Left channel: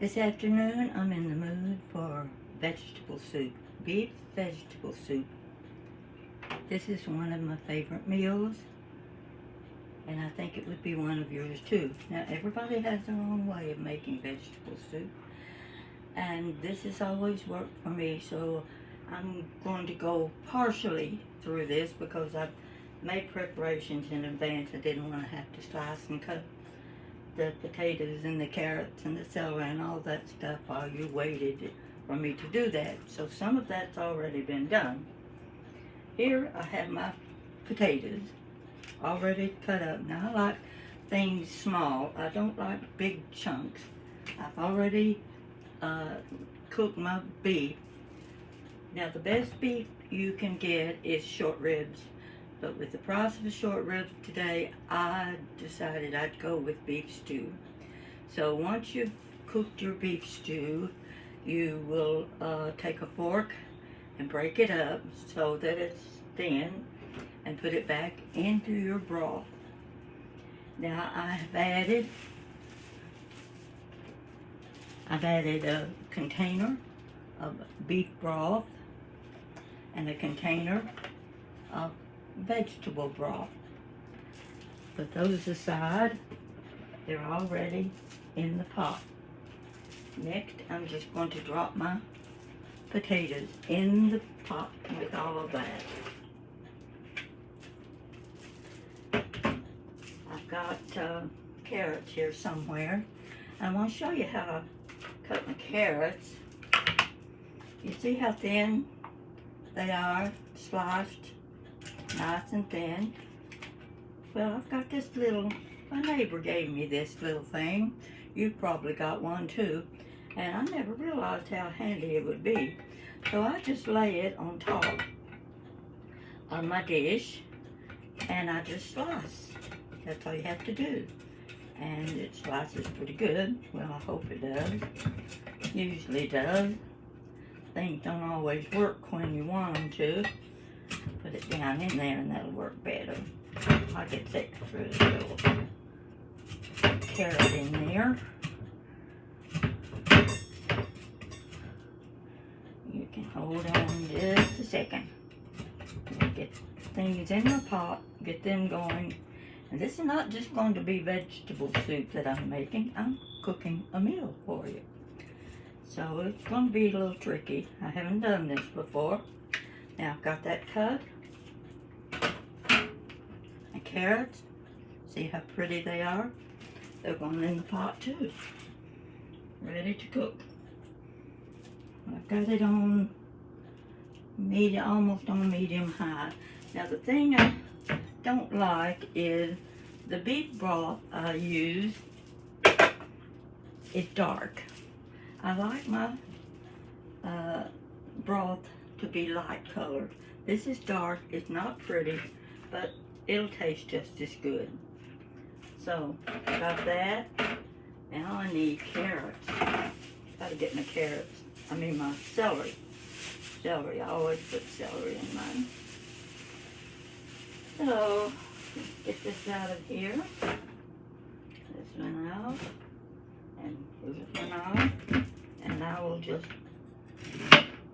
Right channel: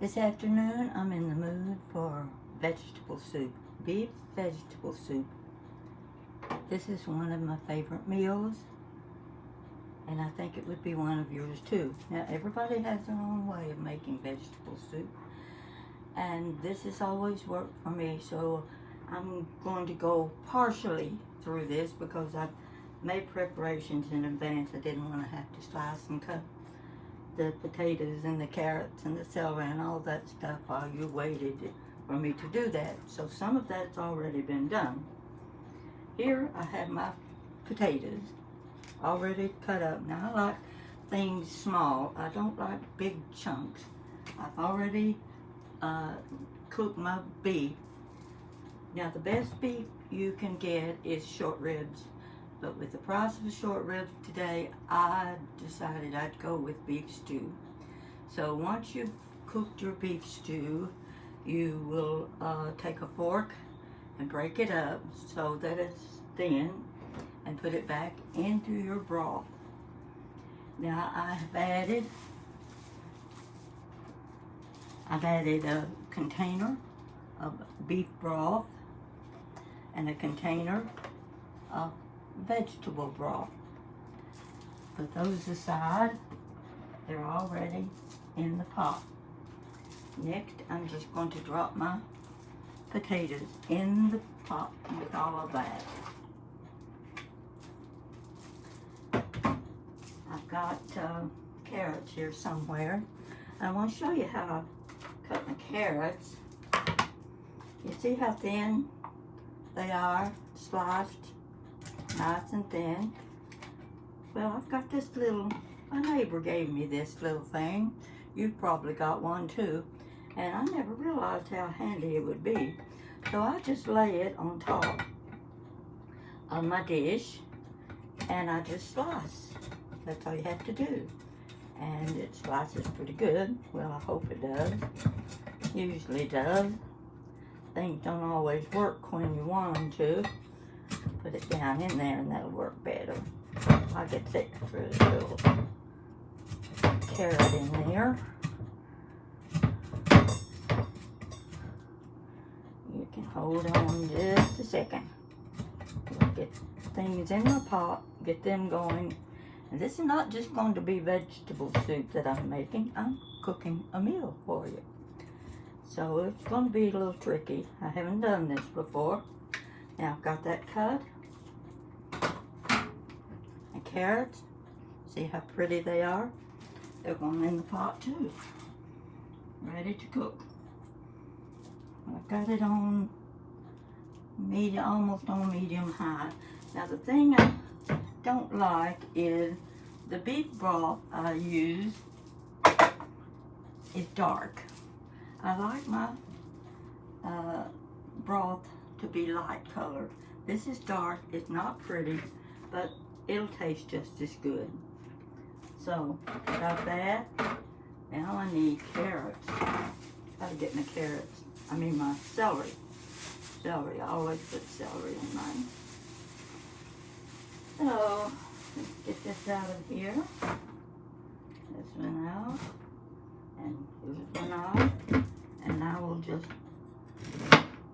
This afternoon, I'm in the mood for vegetable soup, beef vegetable soup. This is one of my favorite meals, and I think it would be one of yours too. Now, everybody has their own way of making vegetable soup, and this has always worked for me, so I'm going to go partially through this because I've made preparations in advance. I didn't want to have to slice and cut the potatoes and the carrots and the celery and all that stuff while you waited for me to do that. So some of that's already been done. Here I have my potatoes already cut up. Now I like things small. I don't like big chunks. I've already cooked my beef. Now the best beef you can get is short ribs. But with the price of the short ribs today, I decided I'd go with beef stew. So once you've cooked your beef stew, you will take a fork and break it up so that it's thin and put it back into your broth. Now I have added a container of beef broth and a container of vegetable broth. Put those aside. They're already in the pot. Next, I'm just going to drop my potatoes in the pot with all of that. I've got carrots here somewhere. I want to show you how I cut my carrots. You see how thin they are, sliced nice and thin. Well, I've got this little, my neighbor gave me this little thing. You've probably got one too. And I never realized how handy it would be. So I just lay it on top of my dish and I just slice. That's all you have to do. And it slices pretty good. Well, I hope it does. Usually does. Things don't always work when you want them to. Put it down in there and that'll work better. I could take a little carrot in there. You can hold on just a second. We'll get things in the pot, get them going. And this is not just going to be vegetable soup that I'm making. I'm cooking a meal for you. So it's going to be a little tricky. I haven't done this before. Now I've got that cut. And carrots. See how pretty they are? They're going in the pot too. Ready to cook. I've got it on medium, almost on medium high. Now the thing I don't like is the beef broth I use is dark. I like my broth to be light colored. This is dark, it's not pretty, but it'll taste just as good. So, got that. Now I need carrots. Gotta get my carrots. I mean my celery. Celery, I always put celery in mine. So, let's get this out of here. This one out. And here's one out. And I will just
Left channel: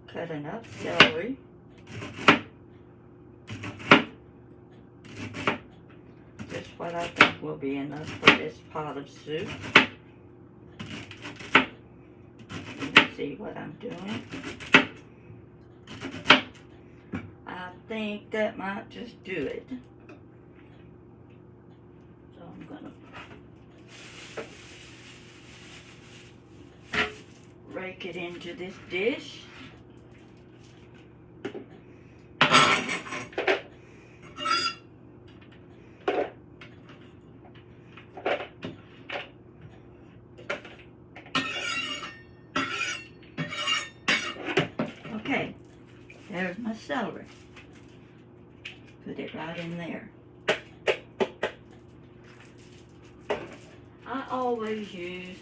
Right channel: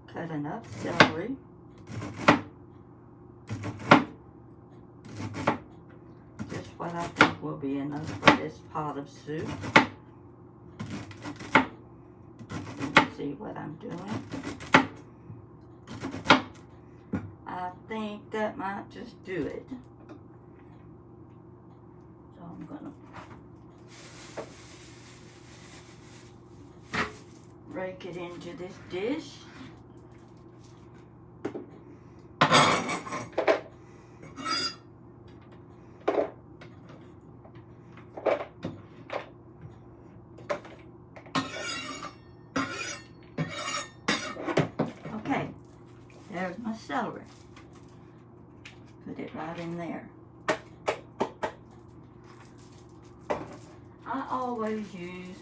cut enough celery. Just what I think will be enough for this pot of soup. Let me see what I'm doing. I think that might just do it. So I'm gonna rake it into this dish. Okay, there's my celery. Put it right in there. I always use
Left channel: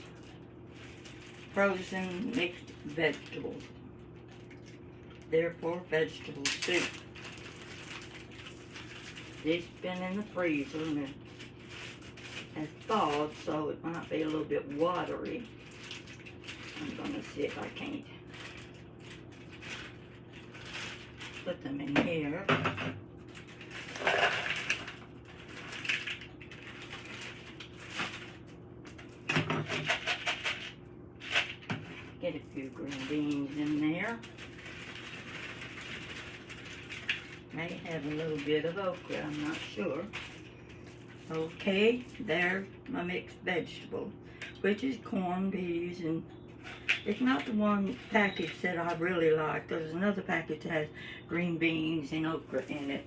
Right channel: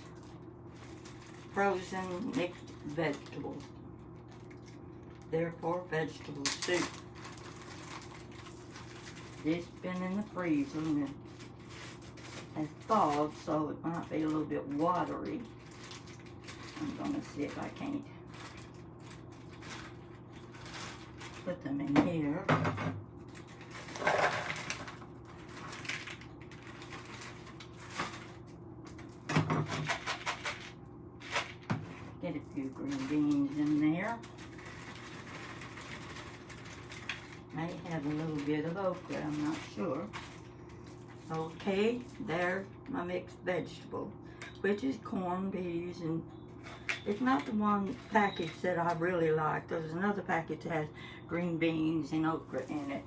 frozen mixed vegetables. Therefore, vegetable soup. This been in the freezer and it has thawed, so it might be a little bit watery. I'm gonna see if I can't put them in here. Get a few green beans in there. May have a little bit of okra, I'm not sure. Okay, there's my mixed vegetable, which is corned peas, and it's not the one package that I really like. There's another package that has green beans and okra in it,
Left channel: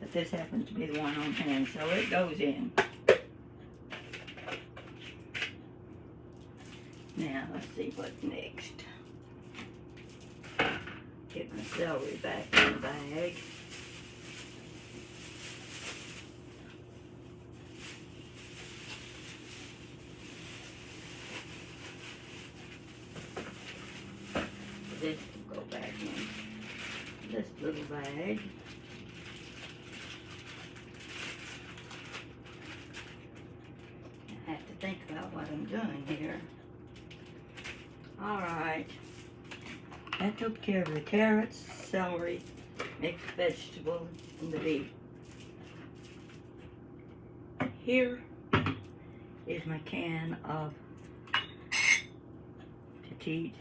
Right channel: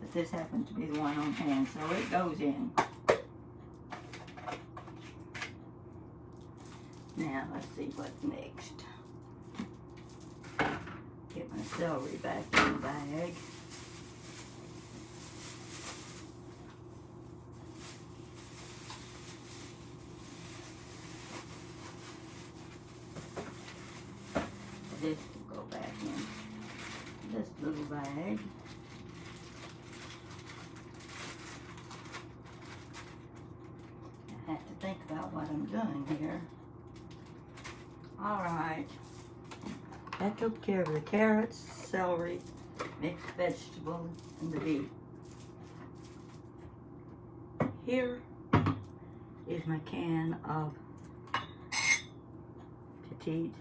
but this happens to be the one on hand, so it goes in. Now, let's see what's next. Get my celery back in the bag. This will go back in this little bag. I have to think about what I'm doing here. Alright, that took care of the carrots, celery, mixed vegetables, and the beef. Here is my can of petite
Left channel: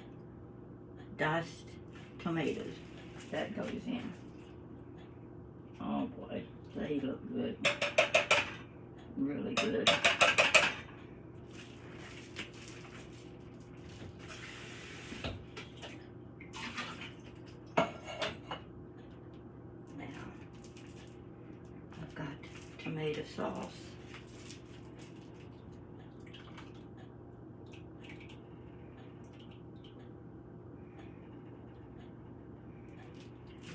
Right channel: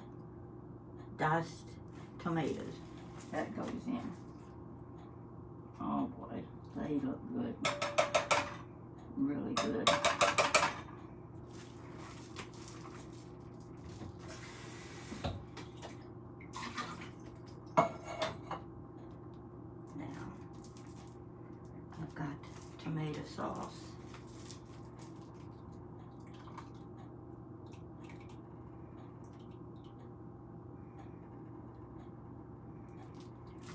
diced tomatoes. That goes in. Oh boy, they look good. Really good. Tomato sauce.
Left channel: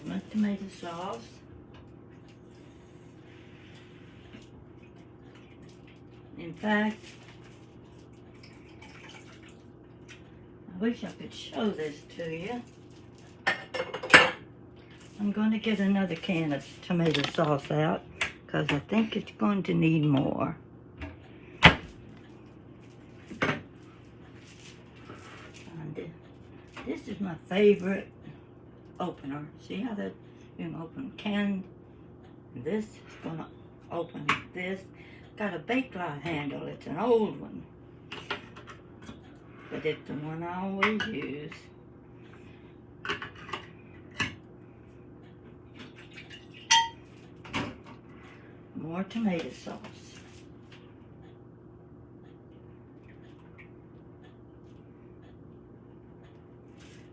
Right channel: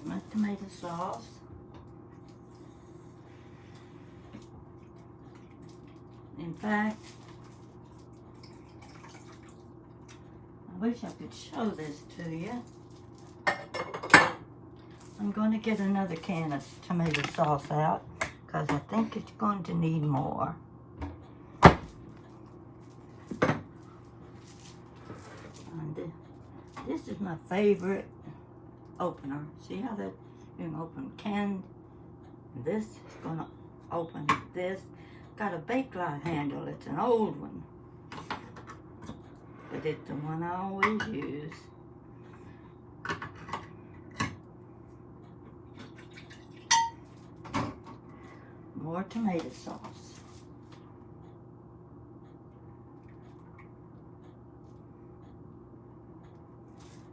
My tomato sauce. In fact, I wish I could show this to you. I'm going to get another can of tomato sauce out, because I think it's going to need more. And this is my favorite opener. See how that you can open can? This is going to open this. Got a bakelite handle. It's an old one, but it's the one I always use. More tomato sauce.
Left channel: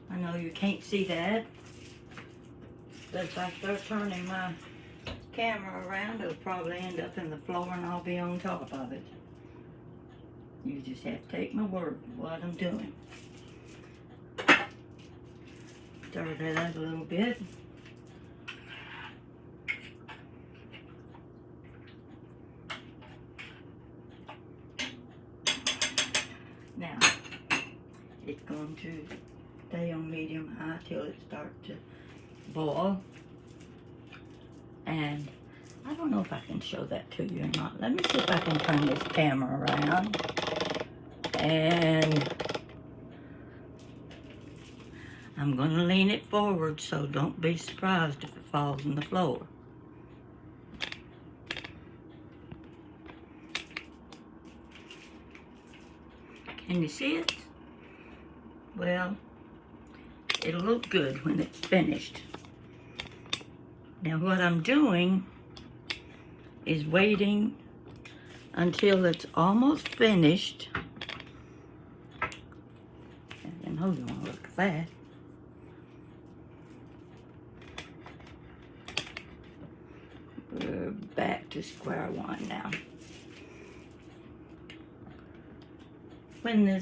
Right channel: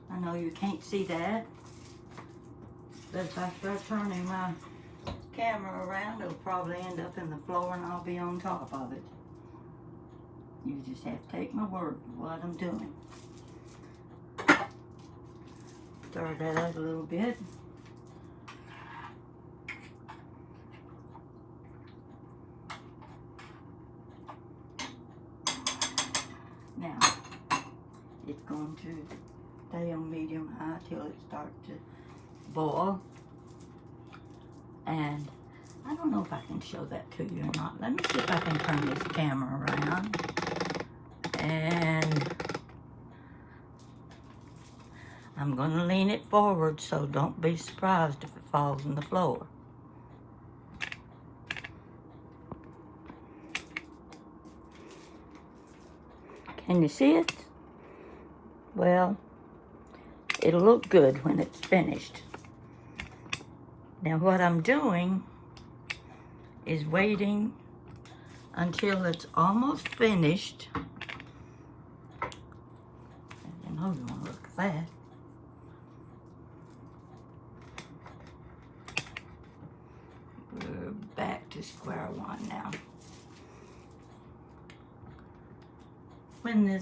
I know you can't see that, but if I start turning my camera around, it'll probably end up in the floor and I'll be on top of it. You just have to take my word for what I'm doing. Stir that out a little bit. Now, it's going to stay on medium-high till it starts to boil. And I don't know if I can show that to you or not. Let me see if I can turn this camera around. And I'm going to lean it forward, so don't be surprised if it falls on the floor. Can you see it? Well, it'll look good when it's finished. Now what I'm doing is waiting until it's almost finished. I know you want to look at that. We're back to square one now. When the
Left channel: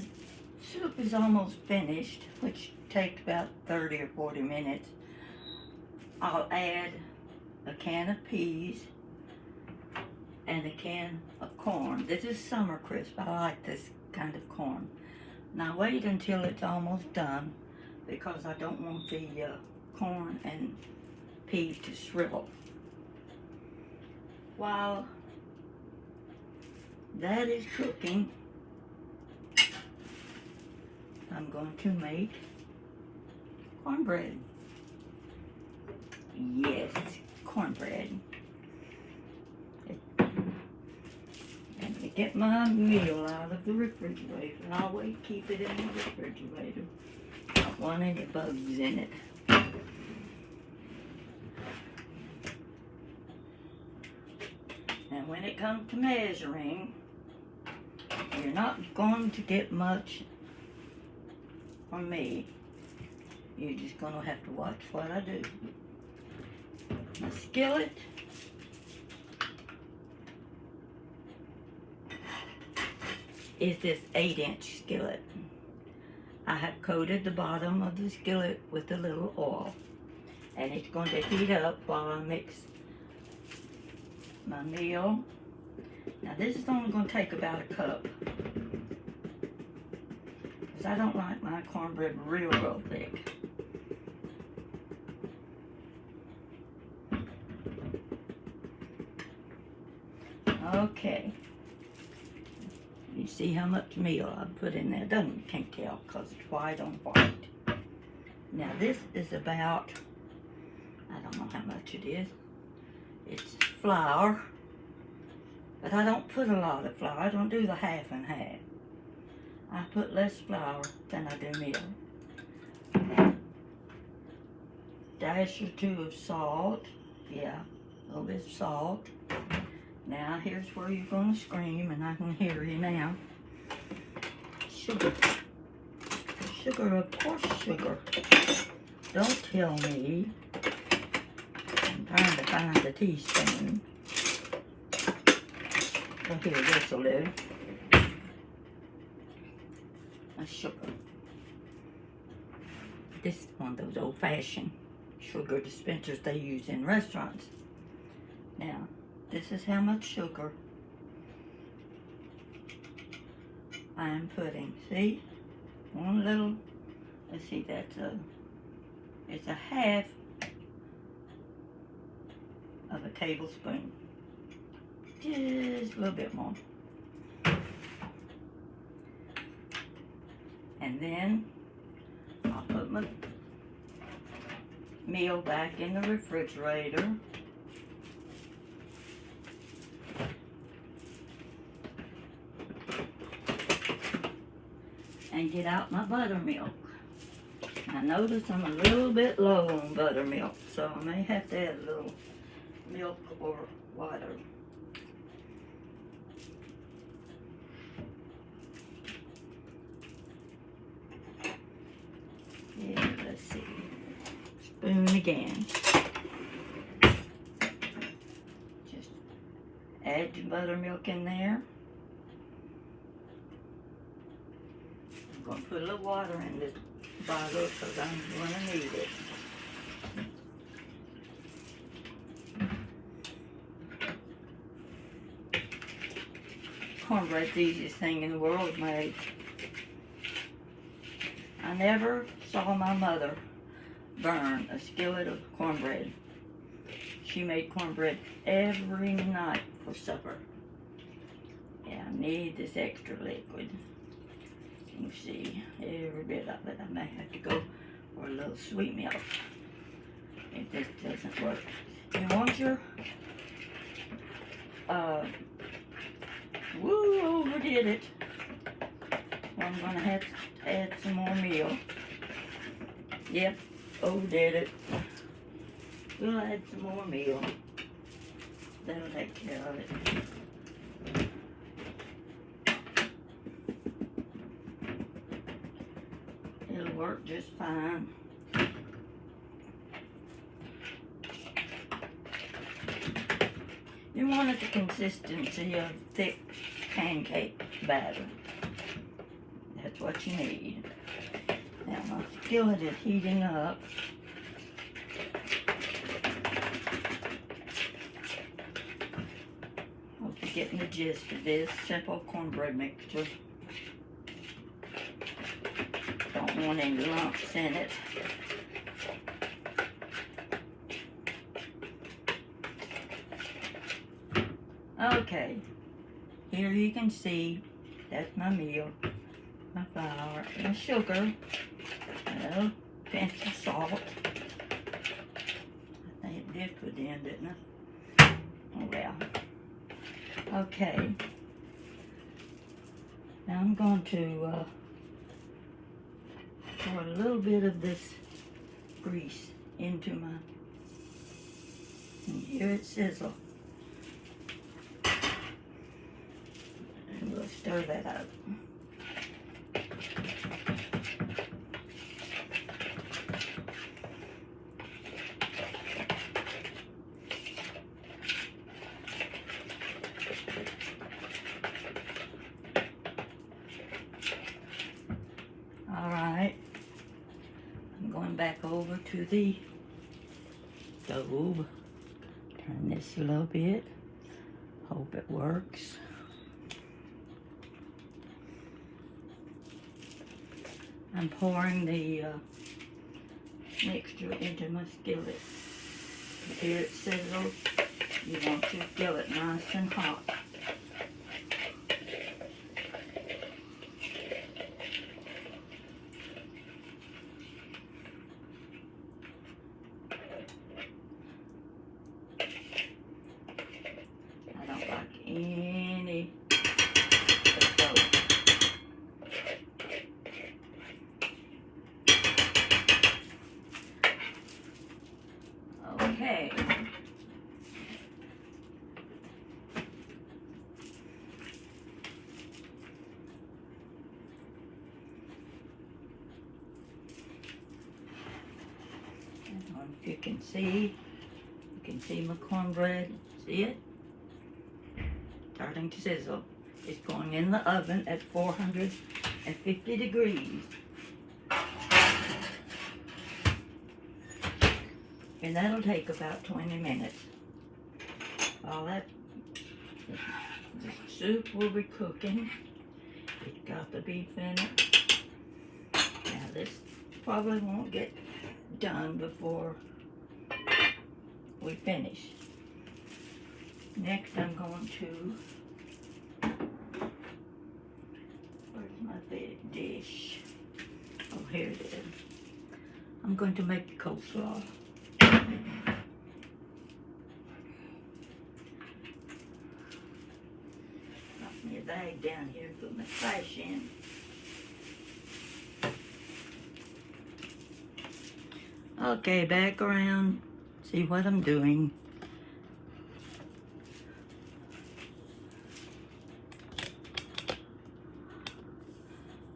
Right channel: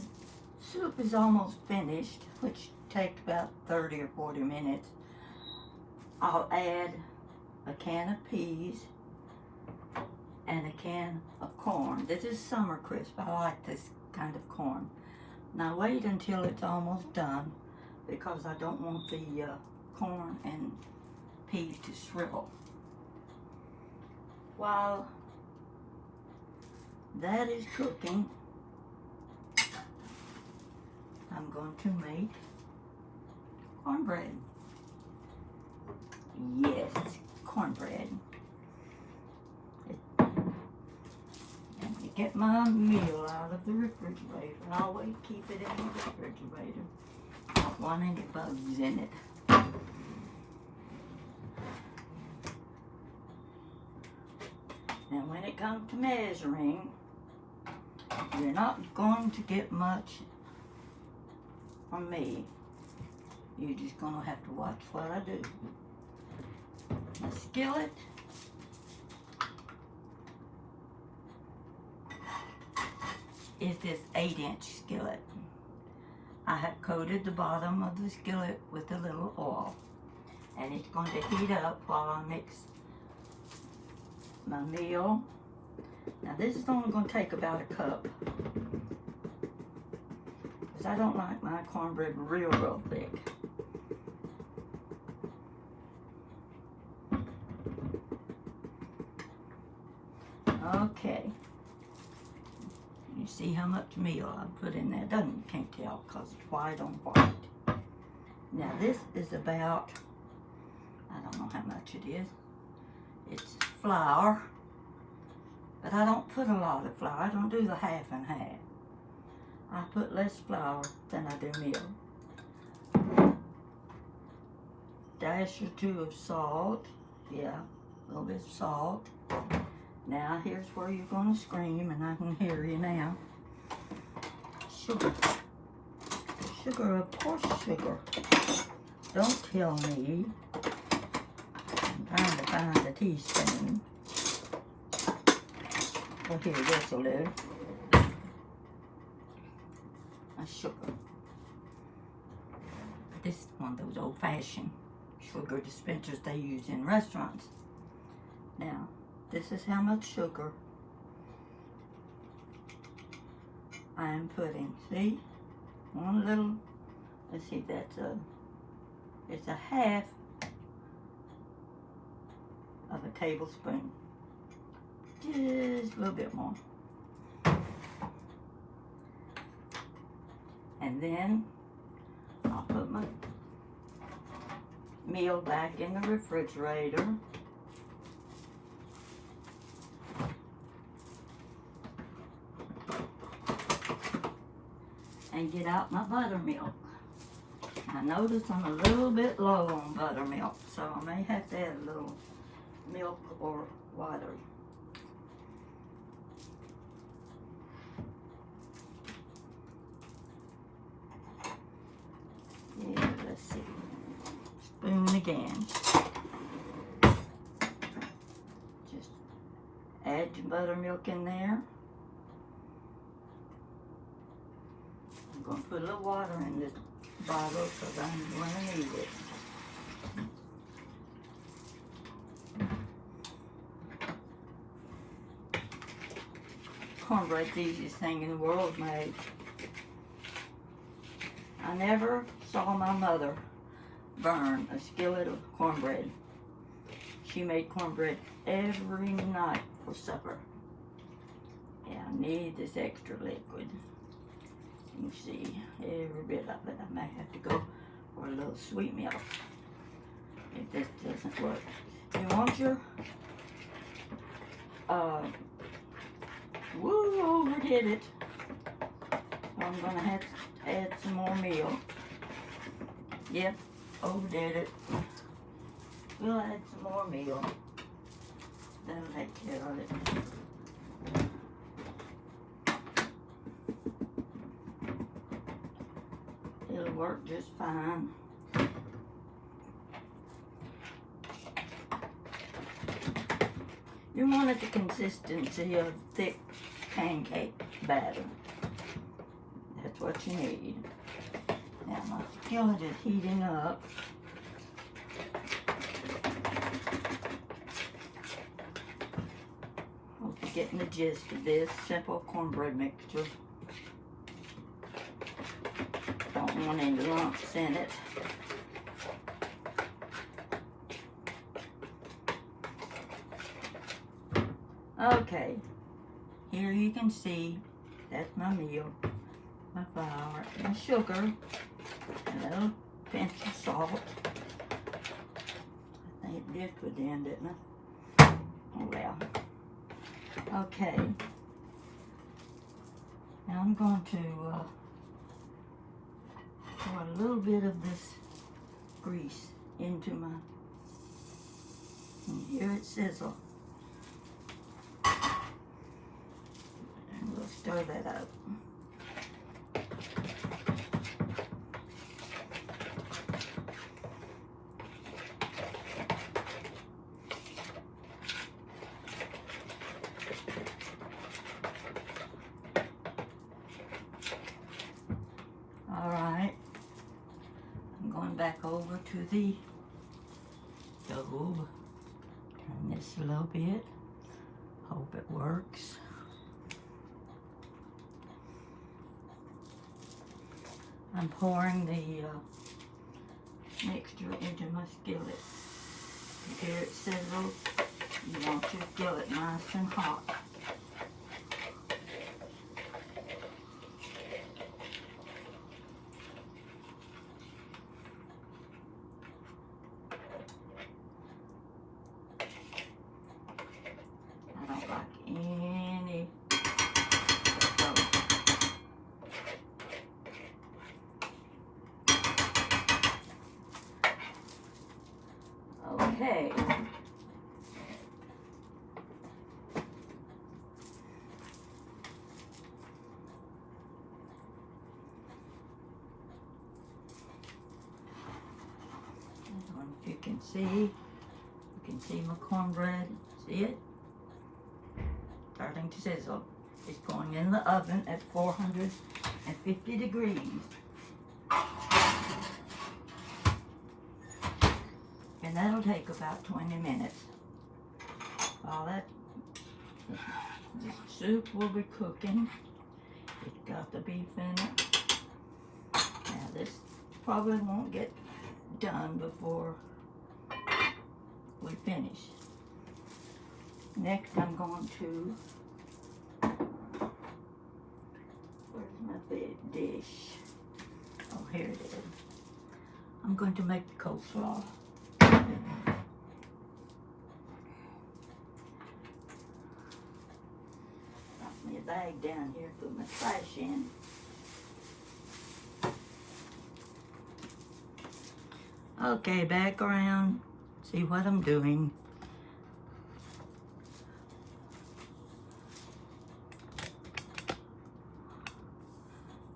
soup is almost finished, which takes about 30 or 40 minutes, I'll add a can of peas and a can of corn. This is Summer Crisp. I like this kind of corn. Now wait until it's almost done, because I don't want the corn and peas to shrivel. While that is cooking, I'm going to make cornbread. Yes, cornbread. And to get my meal out of the refrigerator, I always keep it in the refrigerator. Don't want any bugs in it. And when it comes to measuring, you're not going to get much from me. You're just going to have to watch what I do. My skillet is this 8-inch skillet. I have coated the bottom of the skillet with a little oil, and it's going to heat up while I mix my meal. Now this is only going to take about a cup, because I don't like my cornbread real thick. Okay, you see how much meal I put in there? You can't tell because it's white on white. Now this is about, I don't know how much it is. It's flour, but I don't put a lot of flour. I don't do the half and half. I put less flour than I do meal. Dash or two of salt. Yeah, a little bit of salt. Now here's where you're going to scream, and I can hear you now. Sugar. Sugar, of course, sugar. Don't tell me. I'm trying to find the teaspoon. Well, here, this will do. A sugar. This is one of those old-fashioned sugar dispensers they use in restaurants. Now, this is how much sugar I am putting. See? One little, let's see, it's a half of a tablespoon. Just a little bit more. And then I'll put my meal back in the refrigerator. And get out my buttermilk. I notice I'm a little bit low on buttermilk, so I may have to add a little milk or water. Yeah, let's see. Spoon again. Just add your buttermilk in there. I'm going to put a little water in this bottle because I'm going to need it. Cornbread's the easiest thing in the world to make. I never saw my mother burn a skillet of cornbread. She made cornbread every night for supper. Yeah, I need this extra liquid. You see every bit of it. I may have to go for a little sweet milk if this doesn't work. You want your overdid it. I'm gonna have to add some more meal. Yep, overdid it. We'll add some more meal. That'll take care of it. It'll work just fine. You want it the consistency of thick pancake batter. That's what you need. Now my skillet is heating up. Hope you're getting the gist of this simple cornbread mixture. Don't want any lumps in it. Okay, here you can see that's my meal. my flour and sugar, and a little pinch of salt. I think it dipped within, didn't it? Oh well. Okay. Now I'm going to pour a little bit of this grease into my, and here it sizzle. And we'll stir that up. Alright, I'm going back over to the stove. Turn this a little bit. Hope it works. I'm pouring the mixture into my skillet. Here it sizzles. You want your skillet nice and hot. I don't like any okay. If you can see my cornbread. See it? Starting to sizzle. It's going in the oven at 450 degrees. And that'll take about 20 minutes. While that the soup will be cooking. It's got the beef in it. Now this probably won't get done before we finish. Next I'm going to, where's my big dish? Oh, here it is. I'm going to make the coleslaw. Got me a bag down here, put my trash in. Okay, back around, see what I'm doing.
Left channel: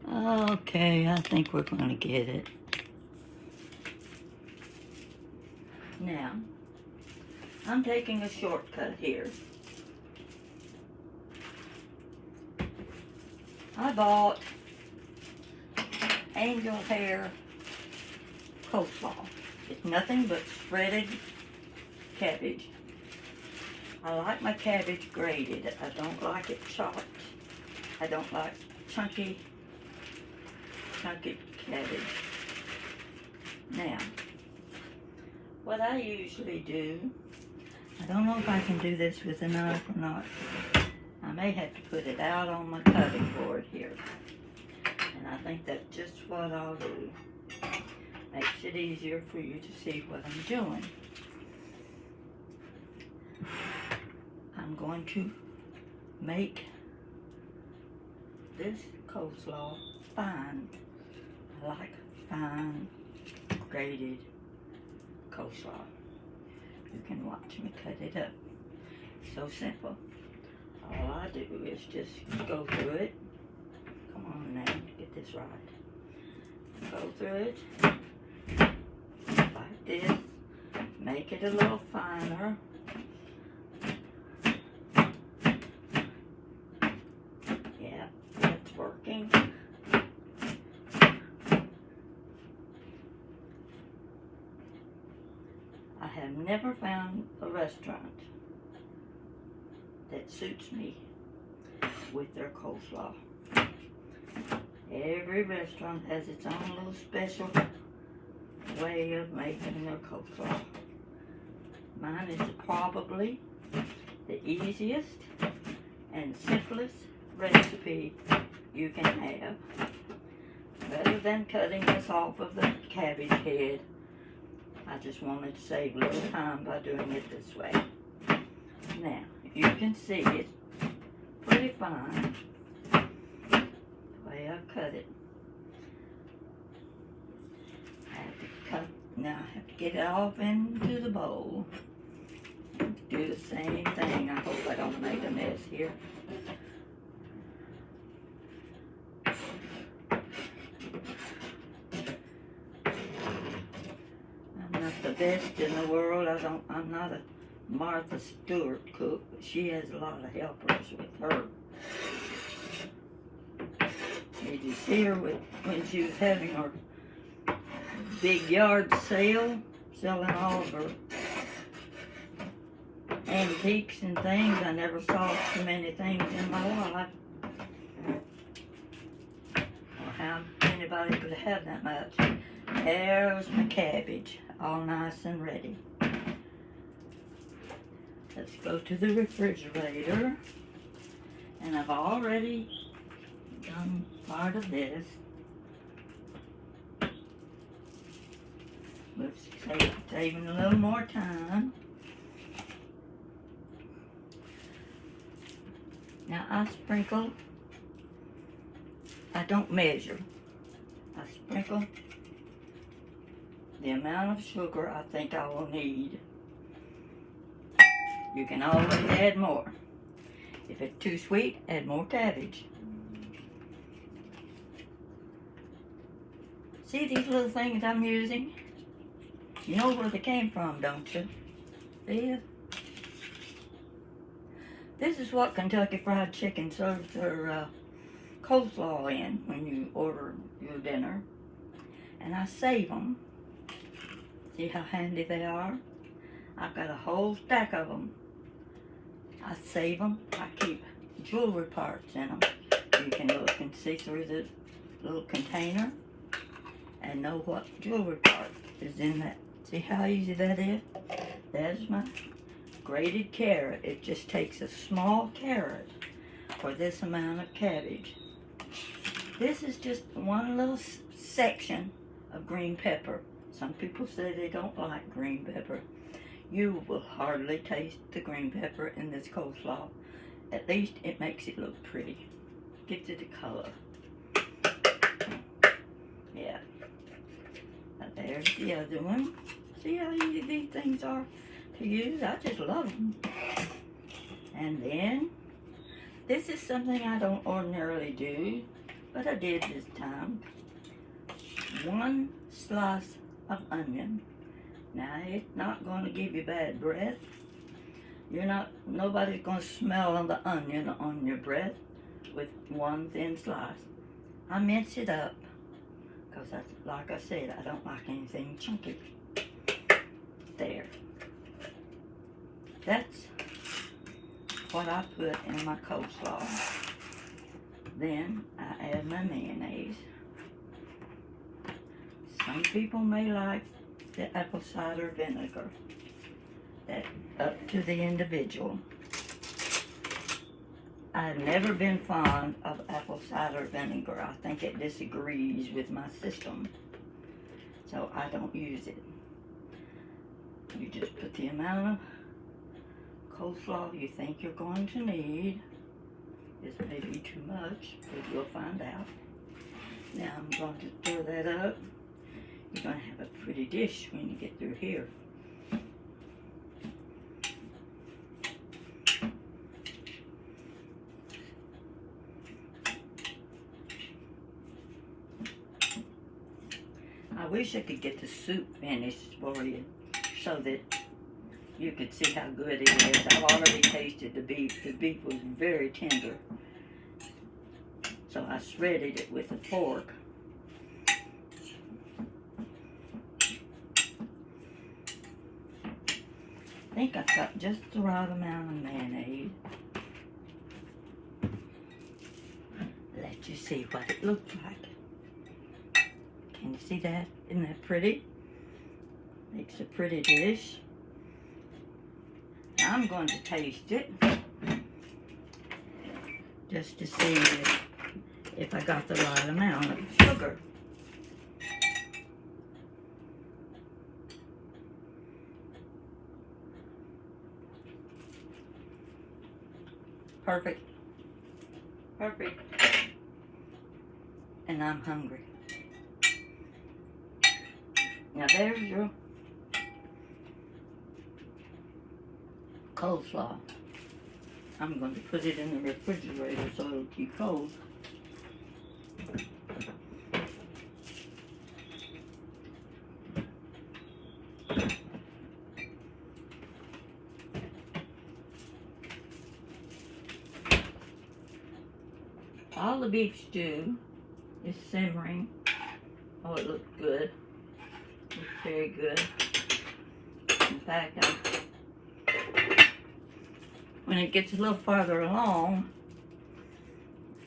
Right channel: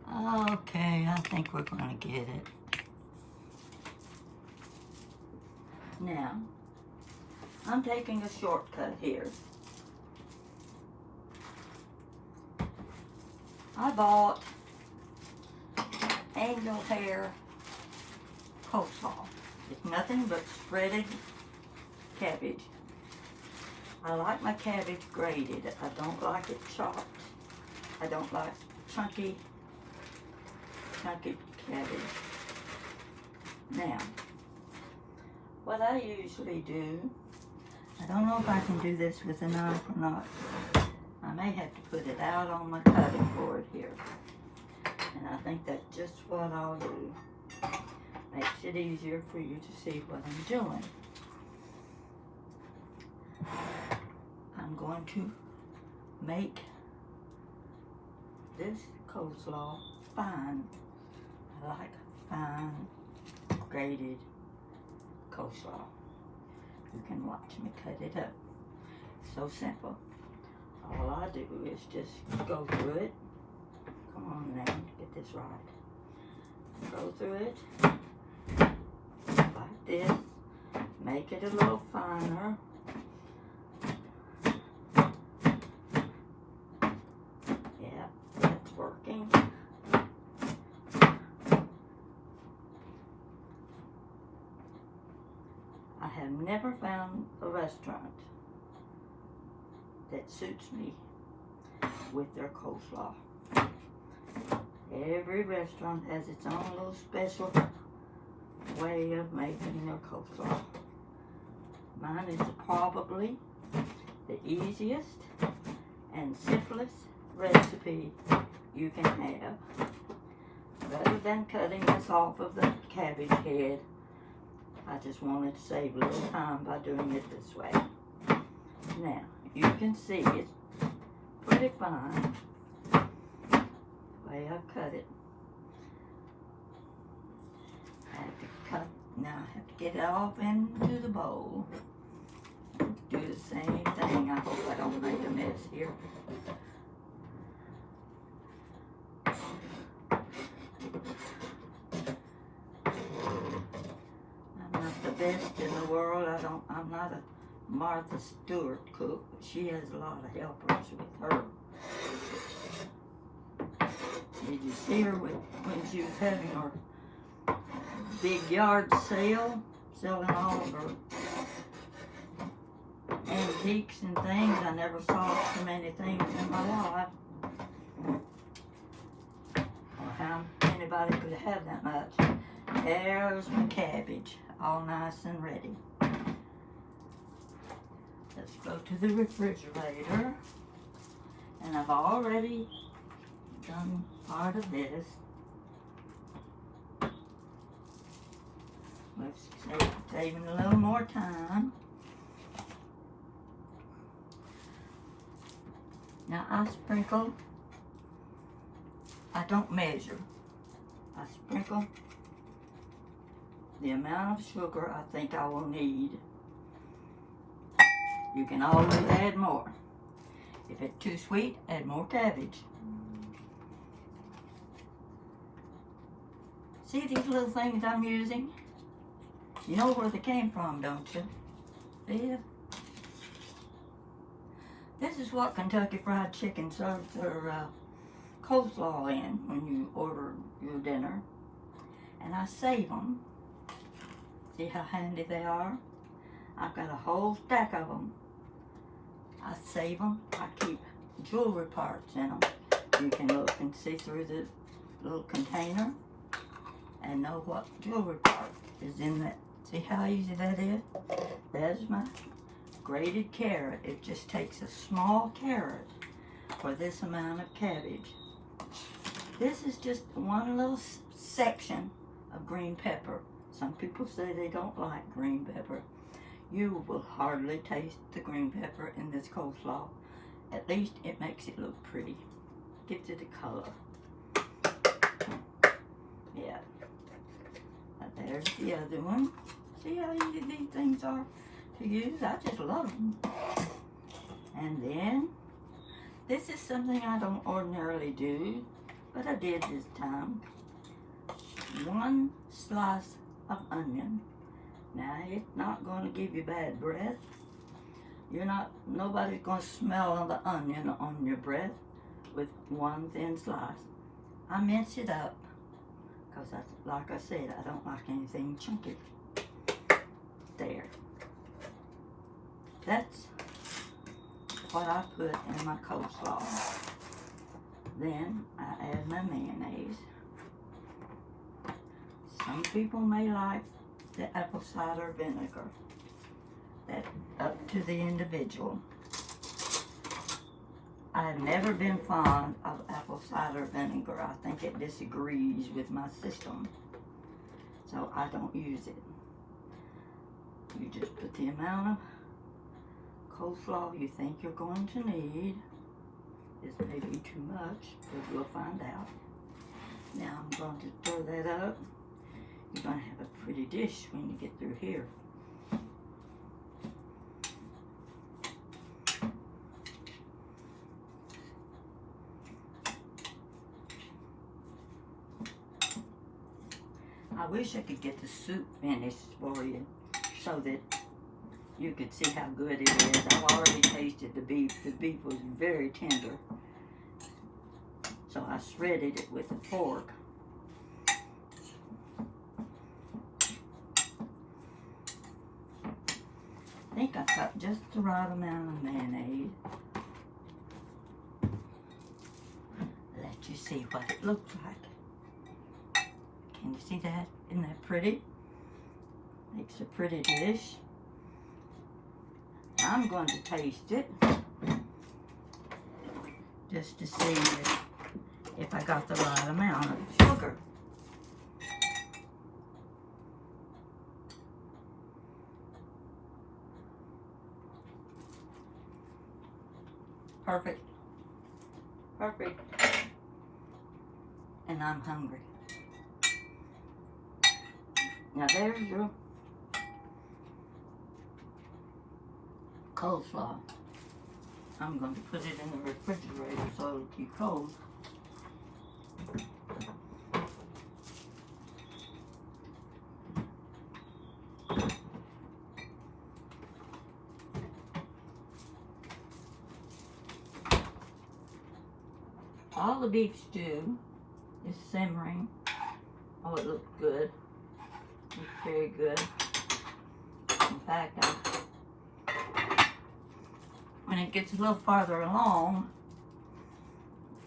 Okay, I think we're going to get it. Now, I'm taking a shortcut here. I bought angel hair coleslaw. It's nothing but shredded cabbage. I like my cabbage grated. I don't like it chopped. I don't like chunky cabbage. Now, what I usually do, I don't know if I can do this with a knife or not. I may have to put it out on my cutting board here. And I think that's just what I'll do. Makes it easier for you to see what I'm doing. I'm going to make this coleslaw fine. I like fine grated coleslaw. You can watch me cut it up. So simple. All I do is just go through it. Come on now, get this right. Go through it like this. Make it a little finer. Yeah, that's working. I have never found a restaurant that suits me with their coleslaw. Every restaurant has its own little special way of making their coleslaw. Mine is probably the easiest and simplest recipe you can have. rather than cutting this off of the cabbage head, I just wanted to save a little time by doing it this way. Now, you can see it's pretty fine the way I cut it. I have to cut, now I have to get it off into the bowl. Do the same thing. I hope I don't make a mess here. I'm not the best in the world. I'm not a Martha Stewart cook, but she has a lot of helpers with her. Did you see her when she was having her big yard sale, selling all of her antiques and things? I never saw so many things in my life. Or how anybody could have that much. There's my cabbage, all nice and ready. Let's go to the refrigerator. And I've already done part of this. Let's saving a little more time. Now I sprinkle, I don't measure. I sprinkle the amount of sugar I think I will need. You can always add more. If it's too sweet, add more cabbage. See these little things I'm using? You know where they came from, don't you? See it? This is what Kentucky Fried Chicken serves their coleslaw in when you order your dinner. And I save them. See how handy they are? I've got a whole stack of them. I save them. I keep jewelry parts in them. You can look and see through the little container and know what jewelry part is in that. See how easy that is? That's my grated carrot. It just takes a small carrot for this amount of cabbage. This is just one little section of green pepper. Some people say they don't like green pepper. You will hardly taste the green pepper in this coleslaw. At least it makes it look pretty. Gives it a color. Yeah. Now there's the other one. See how easy these things are to use? I just love them. And then, this is something I don't ordinarily do, but I did this time. 1 slice of onion. Now, it's not going to give you bad breath. Nobody's going to smell the onion on your breath with 1 thin slice. I mince it up, because like I said, I don't like anything chunky. There. That's what I put in my coleslaw. Then I add my mayonnaise. Some people may like the apple cider vinegar. That's up to the individual. I've never been fond of apple cider vinegar. I think it disagrees with my system. So I don't use it. You just put the amount of coleslaw you think you're going to need. This may be too much, but we'll find out. Now I'm going to stir that up. You're going to have a pretty dish when you get through here. I wish I could get the soup finished for you so that you could see how good it is. I've already tasted the beef. The beef was very tender. So I shredded it with a fork. I think I've got just the right amount of mayonnaise. Let you see what it looks like. Can you see that? Isn't that pretty? Makes a pretty dish. Now I'm going to taste it just to see if I got the right amount of sugar. Perfect. Perfect. And I'm hungry. Now there's your coleslaw. I'm going to put it in the refrigerator so it'll keep cold. All the beef stew is simmering. Oh, it looks good. It looks very good. In fact, when it gets a little farther along,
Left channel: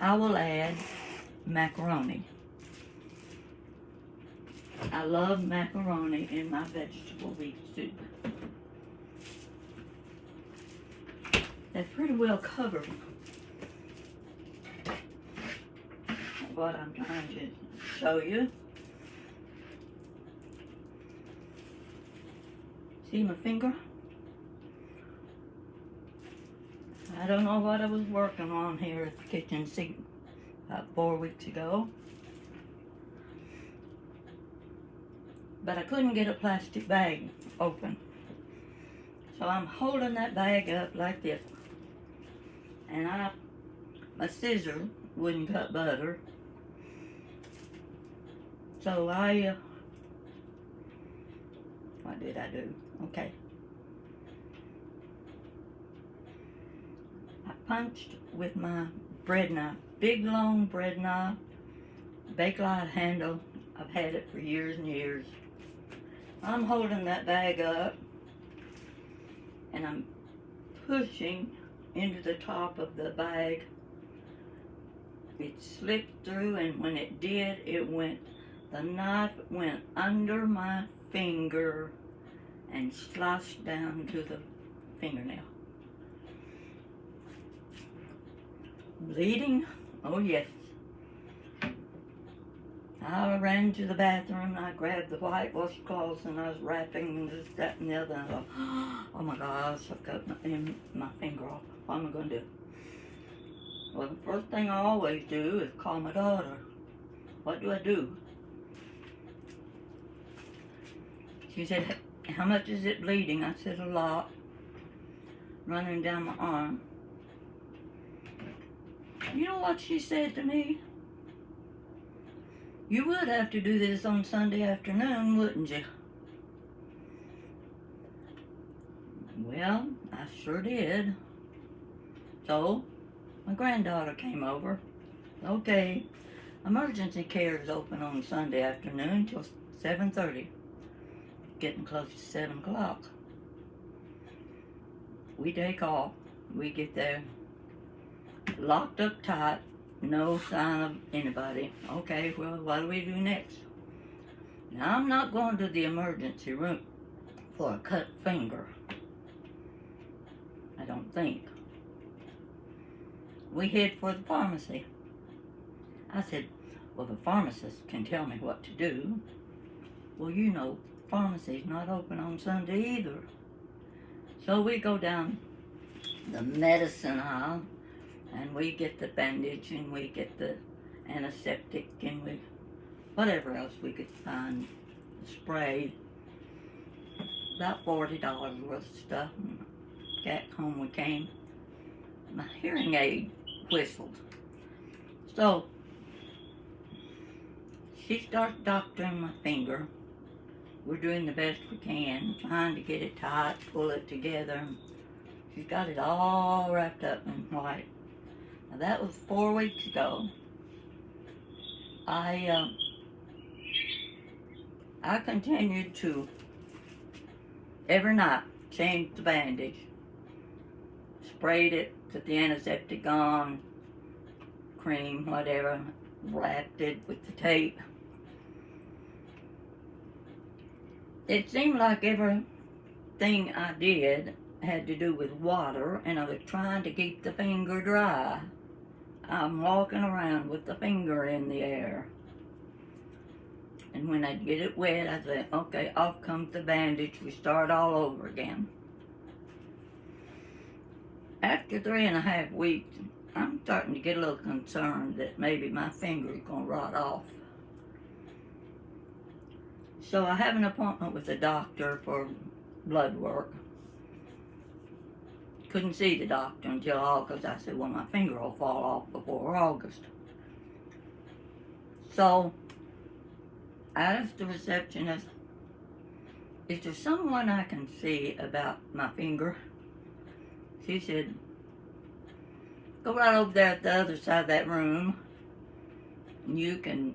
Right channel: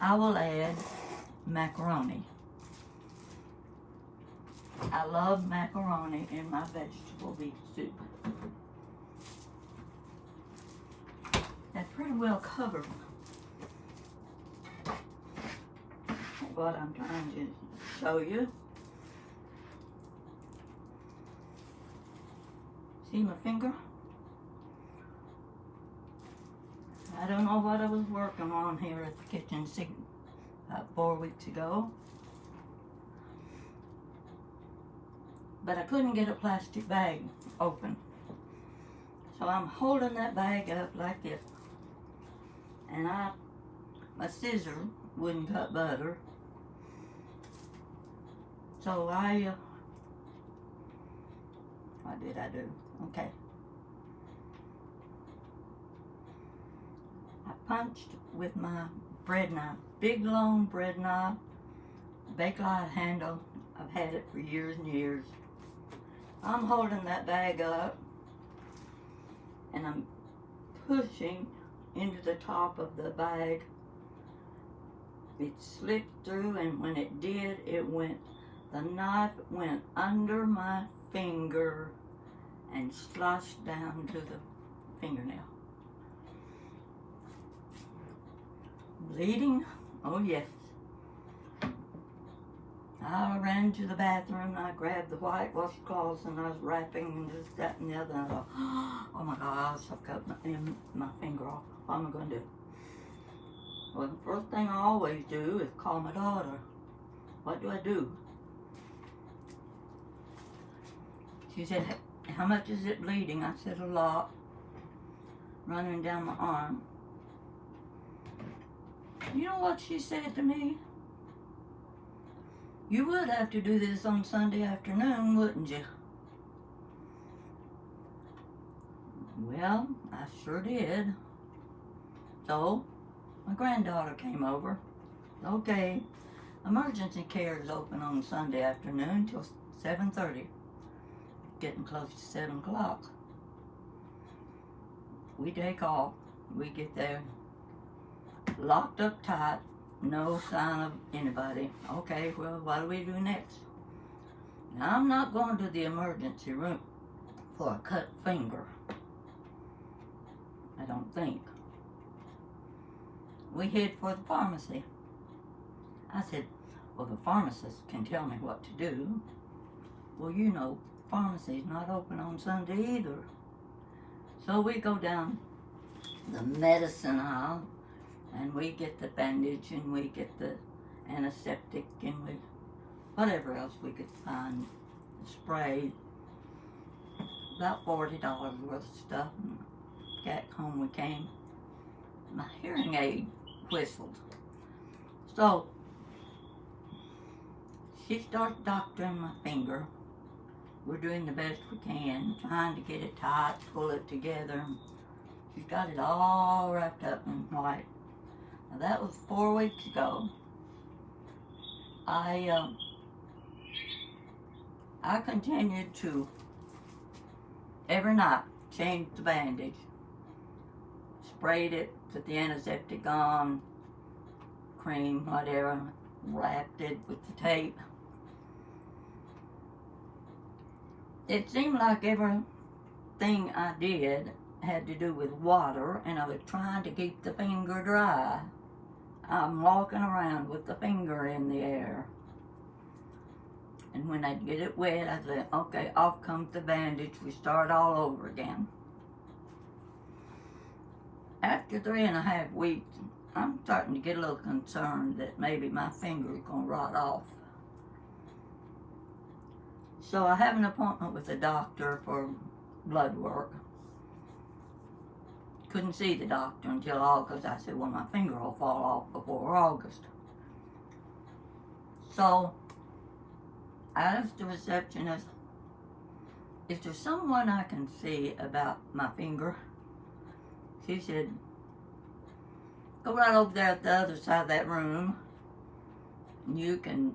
I will add macaroni. I love macaroni in my vegetable beef soup. That's pretty well covered. What I'm trying to show you. See my finger? I don't know what I was working on here at the kitchen sink about 4 weeks ago. But I couldn't get a plastic bag open. So I'm holding that bag up like this. And my scissor wouldn't cut butter. So what did I do? Okay. I punched with my bread knife, big long bread knife, Bakelite handle. I've had it for years and years. I'm holding that bag up and I'm pushing into the top of the bag. It slipped through, and when it did, the knife went under my finger and sliced down to the fingernail. Bleeding? Oh yes. I ran to the bathroom, I grabbed the white washcloths, and I was wrapping this, that, and the other, and I thought, oh my gosh, I've cut my finger off. What am I going to do? Well, the first thing I always do is call my daughter. What do I do? She said, how much is it bleeding? I said, a lot. Running down my arm. You know what she said to me? You would have to do this on Sunday afternoon, wouldn't you? Well, I sure did. So, my granddaughter came over. Okay, emergency care is open on Sunday afternoon till 7:30. Getting close to 7 o'clock. We take off. We get there. Locked up tight. No sign of anybody. Okay, well, what do we do next? Now, I'm not going to the emergency room for a cut finger. I don't think. We head for the pharmacy. I said, well, the pharmacist can tell me what to do. Well, you know, pharmacy's not open on Sunday either. So we go down the medicine aisle, and we get the bandage, and we get the antiseptic, and whatever else we could find, spray. About $40 worth of stuff. And back home we came. My hearing aid whistled. So she starts doctoring my finger. We're doing the best we can, trying to get it tight, pull it together. She's got it all wrapped up in white. Now that was 4 weeks ago. I continued to every night change the bandage, sprayed it, put the antiseptic on, cream, whatever, wrapped it with the tape. It seemed like everything I did had to do with water, and I was trying to keep the finger dry. I'm walking around with the finger in the air. And when I get it wet, I say, okay, off comes the bandage. We start all over again. after 3.5 weeks, I'm starting to get a little concerned that maybe my finger's going to rot off. So I have an appointment with the doctor for blood work. Couldn't see the doctor until August. I said, well, my finger will fall off before August. So I asked the receptionist, is there someone I can see about my finger? She said, go right over there at the other side of that room. You can,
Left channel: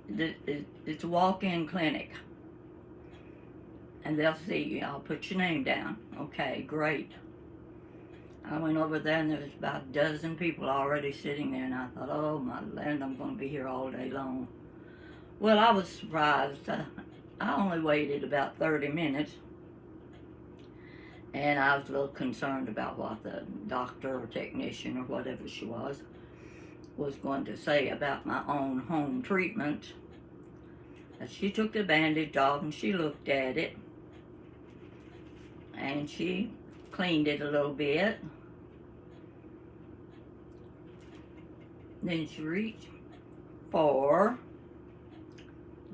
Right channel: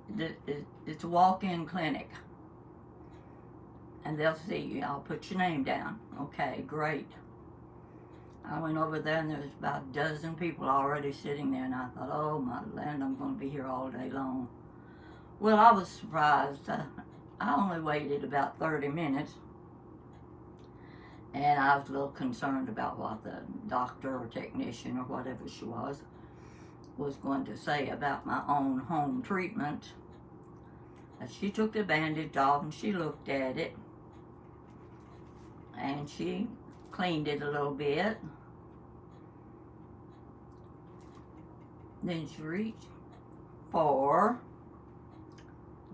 it's a walk-in clinic. And they'll see you. I'll put your name down. Okay, great. I went over there and there was about a dozen people already sitting there, and I thought, oh my land, I'm going to be here all day long. Well, I was surprised. I only waited about 30 minutes, and I was a little concerned about what the doctor or technician or whatever she was going to say about my own home treatment. And she took the bandage off and she looked at it, and she cleaned it a little bit. Then she reached for,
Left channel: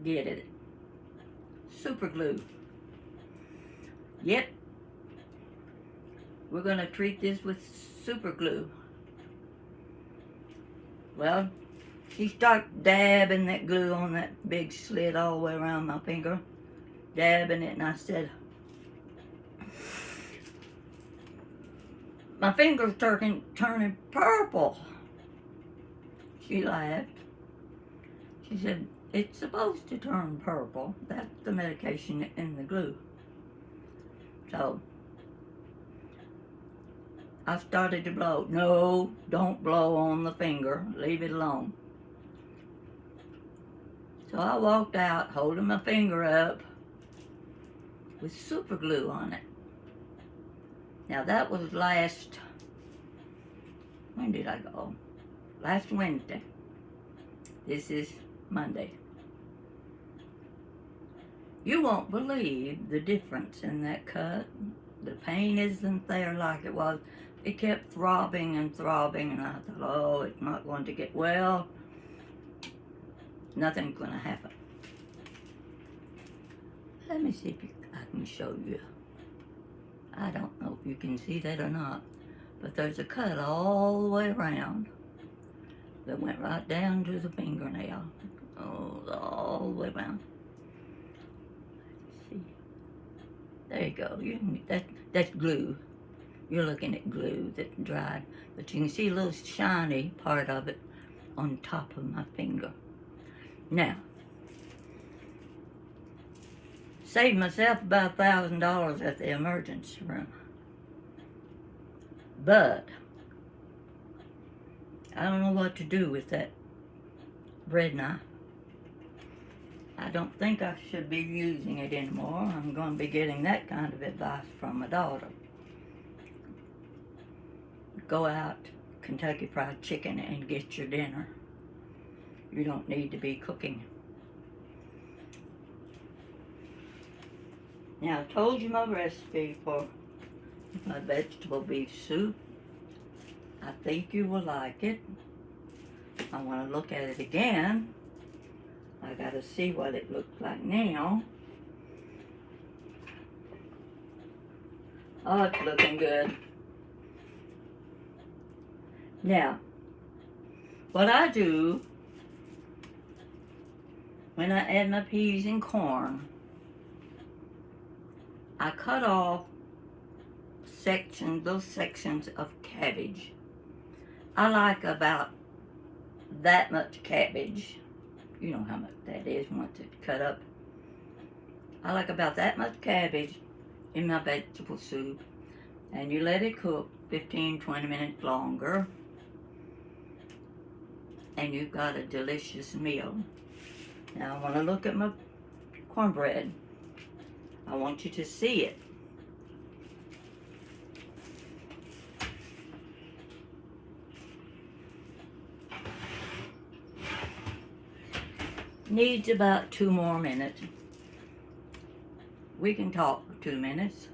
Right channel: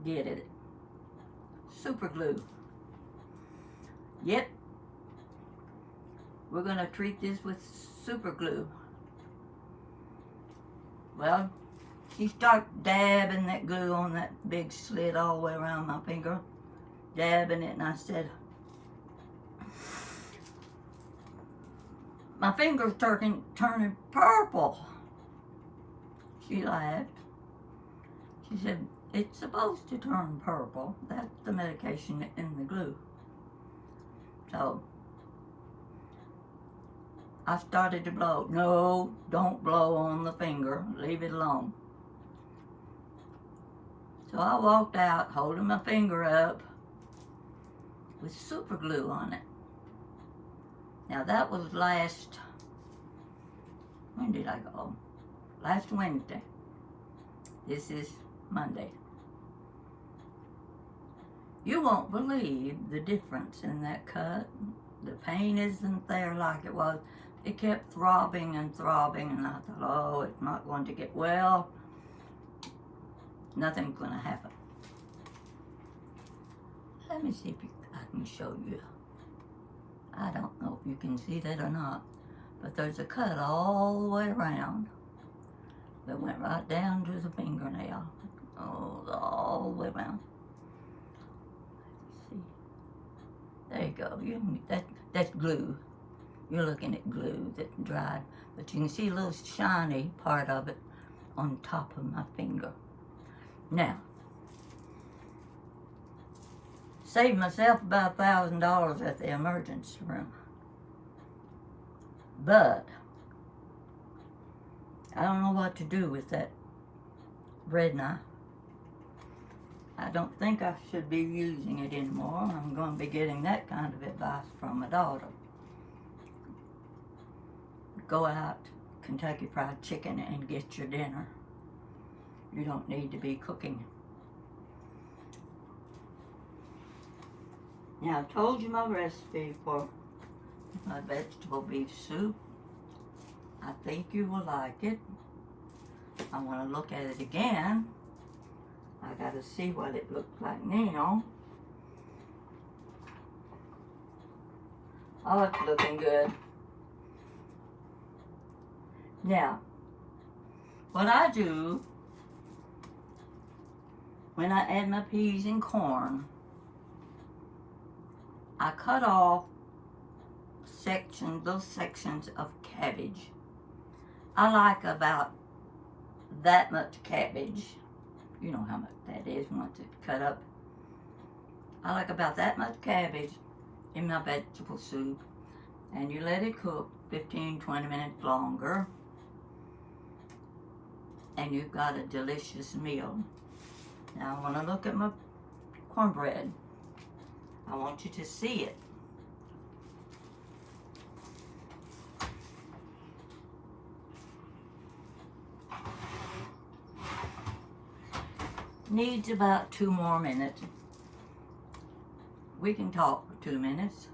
get it, super glue. Yep, we're going to treat this with super glue. Well, she started dabbing that glue on that big slit all the way around my finger, dabbing it, and I said, my finger's turning purple. She laughed. She said, it's supposed to turn purple. That's the medication in the glue. So I started to blow. No, don't blow on the finger. Leave it alone. So I walked out holding my finger up with super glue on it. Now that was when did I go? Last Wednesday. This is Monday. You won't believe the difference in that cut. The pain isn't there like it was. It kept throbbing and throbbing, and I thought, oh, it's not going to get well. Nothing's going to happen. Let me see if I can show you. I don't know if you can see that or not, but there's a cut all the way around that went right down to the fingernail. Oh, all the way around. Let's see. There you go. That's glue. You're looking at glue that dried, but you can see a little shiny part of it on top of my finger. Now, saved myself about $1,000 at the emergency room. But I don't know what to do with that bread knife. I don't think I should be using it anymore. I'm going to be getting that kind of advice from my daughter. Go out Kentucky Fried Chicken and get your dinner. You don't need to be cooking. Now, I told you my recipe for my vegetable beef soup. I think you will like it. I want to look at it again. I got to see what it looks like now. Oh, it's looking good. Now, what I do when I add my peas and corn, I cut off those sections of cabbage. I like about that much cabbage. You know how much that is once it's cut up. I like about that much cabbage in my vegetable soup, and you let it cook 15-20 minutes longer, and you've got a delicious meal. Now I want to look at my cornbread. I want you to see it. Needs about 2 more minutes. We can talk for 2 minutes.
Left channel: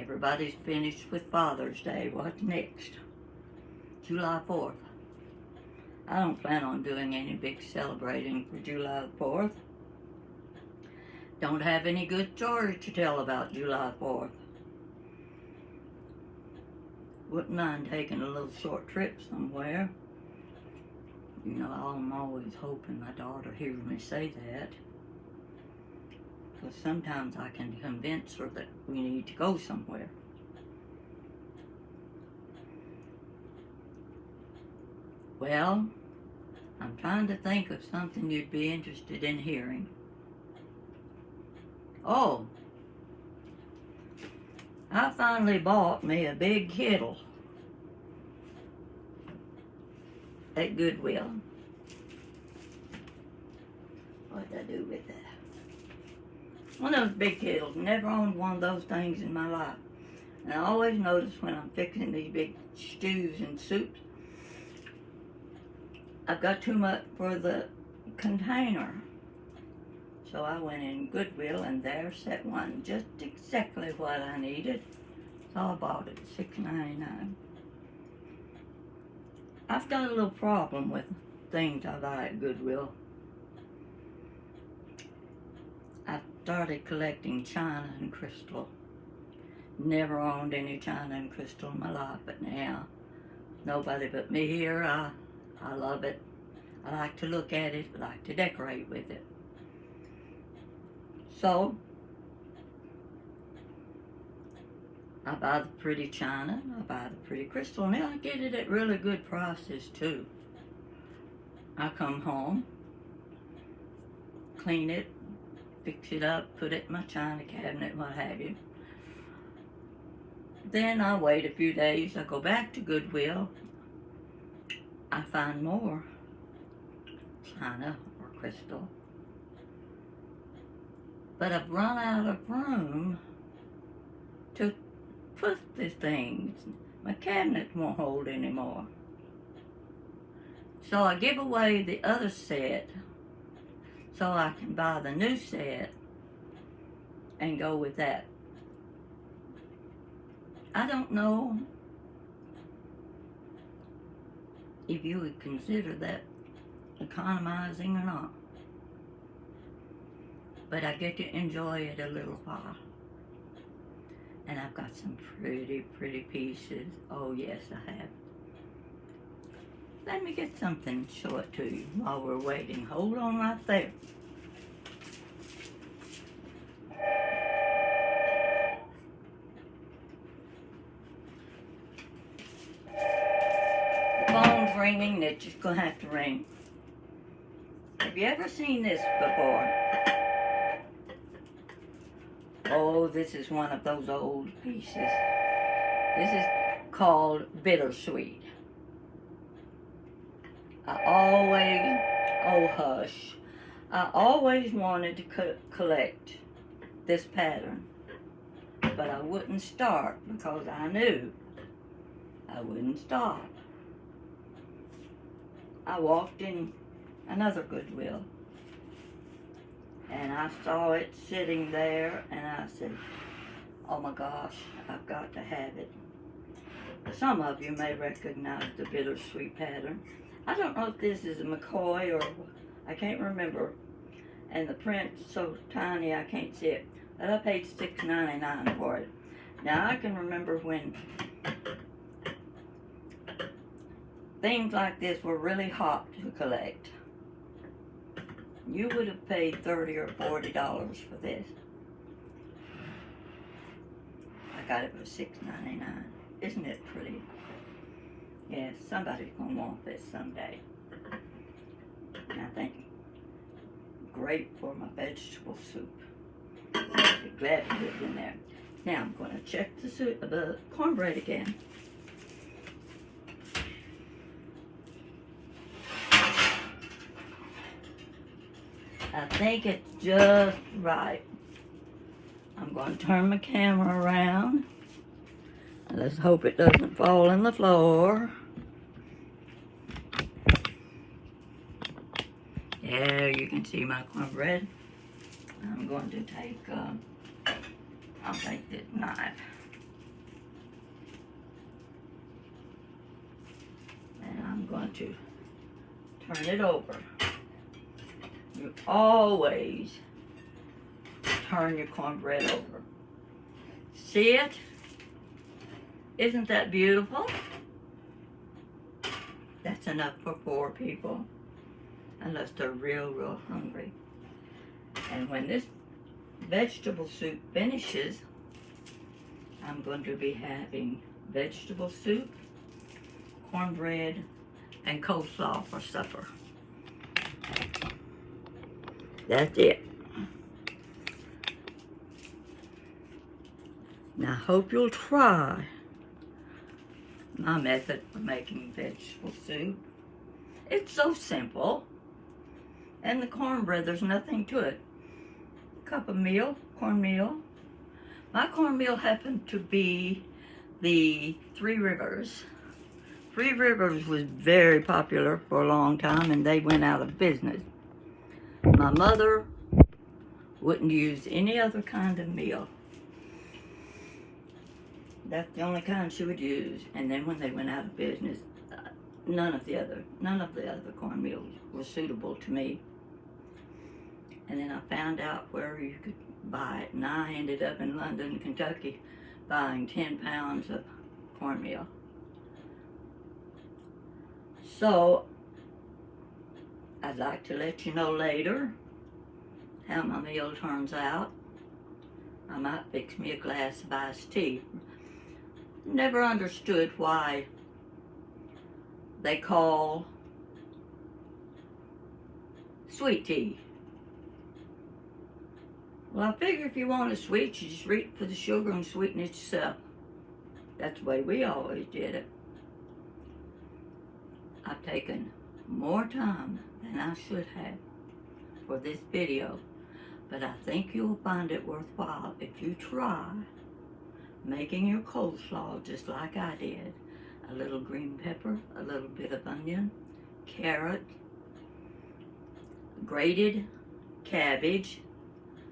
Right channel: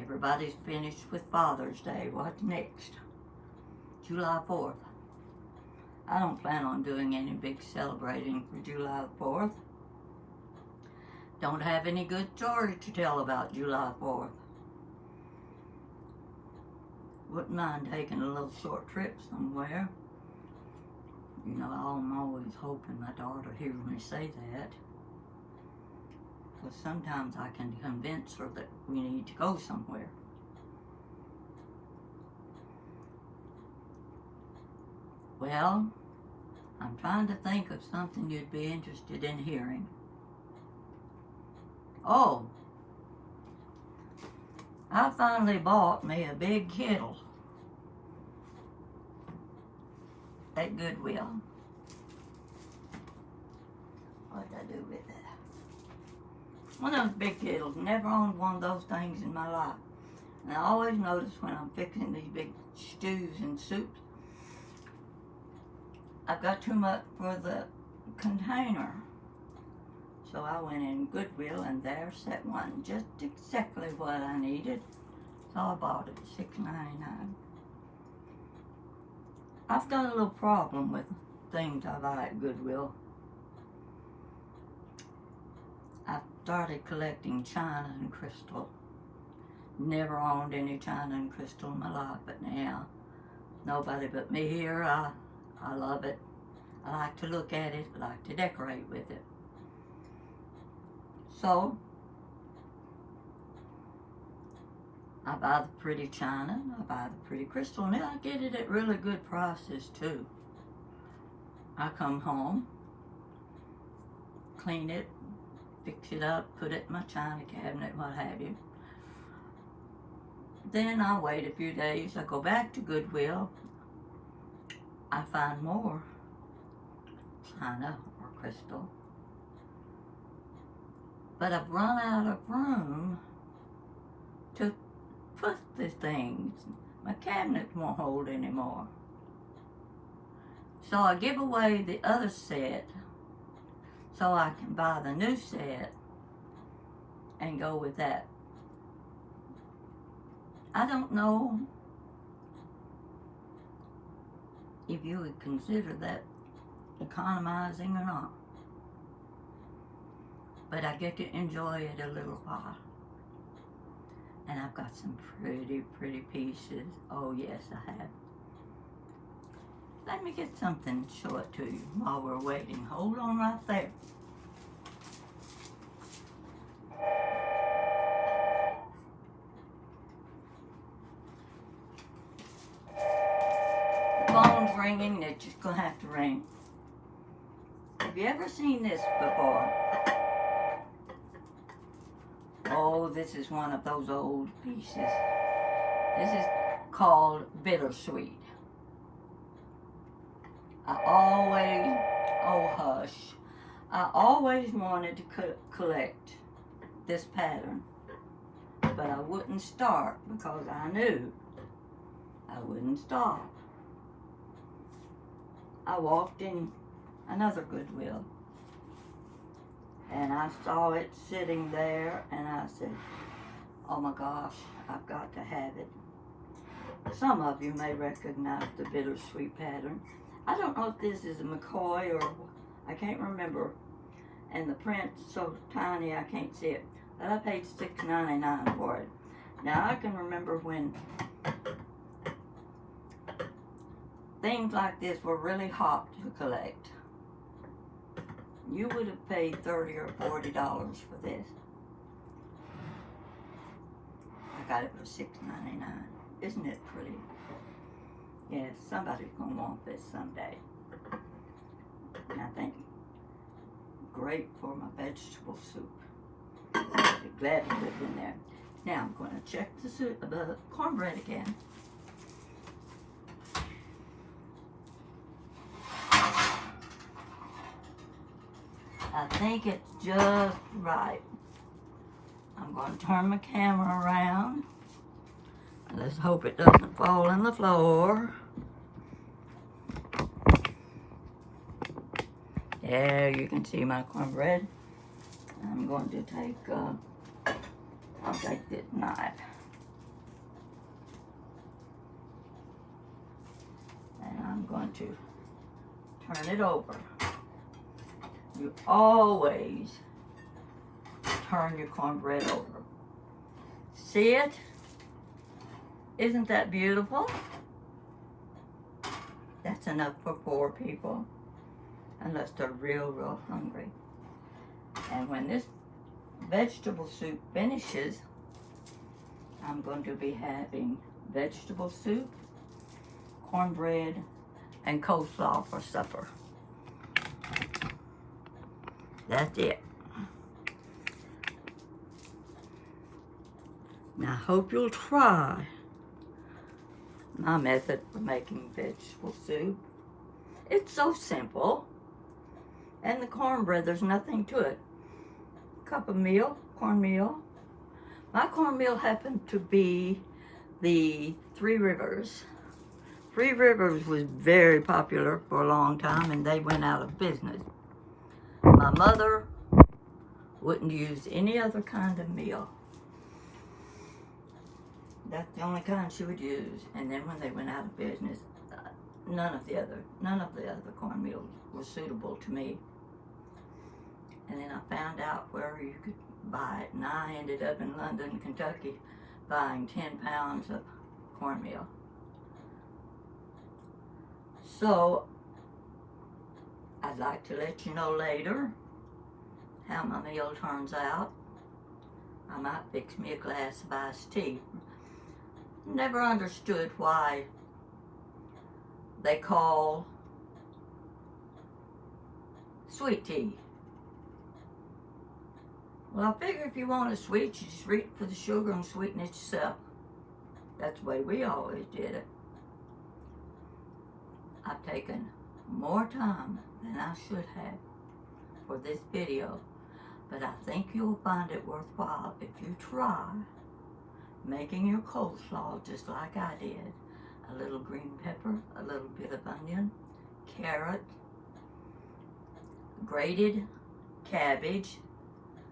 Everybody's finished with Father's Day. What's next? July 4th. I don't plan on doing any big celebrating for July 4th. Don't have any good stories to tell about July 4th. Wouldn't mind taking a little short trip somewhere. You know, I'm always hoping my daughter hears me say that. Because sometimes I can convince her that we need to go somewhere. Well, I'm trying to think of something you'd be interested in hearing. Oh, I finally bought me a big kettle at Goodwill. What did I do with that? One of those big kettles. Never owned one of those things in my life. And I always notice when I'm fixing these big stews and soups, I've got too much for the container. So I went in Goodwill and there sat one just exactly what I needed. So I bought it at $6.99. I've got a little problem with things I buy at Goodwill. I started collecting china and crystal. Never owned any china and crystal in my life, but now nobody but me here. I love it. I like to look at it. I like to decorate with it. So I buy the pretty china, I buy the pretty crystal, and I get it at really good prices too. I come home, clean it, fix it up, put it in my china cabinet, what have you. Then I wait a few days, I go back to Goodwill, I find more china or crystal. But I've run out of room to put the things. My cabinet won't hold anymore. So I give away the other set so I can buy the new set and go with that. I don't know if you would consider that economizing or not. But I get to enjoy it a little while. And I've got some pretty, pretty pieces. Oh yes, I have. Let me get something, show it to you while we're waiting. Hold on right there. The phone's ringing, it's just gonna have to ring. Have you ever seen this before? Oh, this is one of those old pieces. This is called bittersweet. I always wanted to collect this pattern, but I wouldn't start because I knew I wouldn't stop. I walked in another Goodwill, and I saw it sitting there, and I said, oh my gosh, I've got to have it. Some of you may recognize the bittersweet pattern. I don't know if this is a McCoy or, I can't remember. And the print's so tiny I can't see it. But I paid $6.99 for it. Now I can remember when things like this were really hot to collect. You would have paid $30 or $40 for this. I got it for $6.99. Isn't it pretty? Yes, somebody's gonna want this someday. And I think great for my vegetable soup. I'd be glad to put it in there. Now I'm gonna check the cornbread again. I think it's just right. I'm going to turn my camera around. And let's hope it doesn't fall on the floor. There you can see my cornbread. I'm going to take, I'll take this knife. going to turn it over. You always turn your cornbread over. See it? Isn't that beautiful? That's enough for 4 people, unless they're real, real hungry. And when this vegetable soup finishes, I'm going to be having vegetable soup, cornbread, and coleslaw for supper. That's it. Now, I hope you'll try my method for making vegetable soup. It's so simple. And the cornbread, there's nothing to it. Cup of meal, cornmeal. My cornmeal happened to be the Three Rivers. Three Rivers was very popular for a long time, and they went out of business. My mother wouldn't use any other kind of meal. That's the only kind she would use. And then when they went out of business, none of the other cornmeal was suitable to me. And then I found out where you could buy it, and I ended up in London, Kentucky, buying 10 pounds of cornmeal. So, I'd like to let you know later how my meal turns out. I might fix me a glass of iced tea. Never understood why they call sweet tea. Well, I figure if you want a sweet, you just reach for the sugar and sweeten it yourself. That's the way we always did it. I've taken more time than I should have for this video, but I think you'll find it worthwhile if you try making your coleslaw just like I did. A little green pepper, a little bit of onion, carrot, grated cabbage,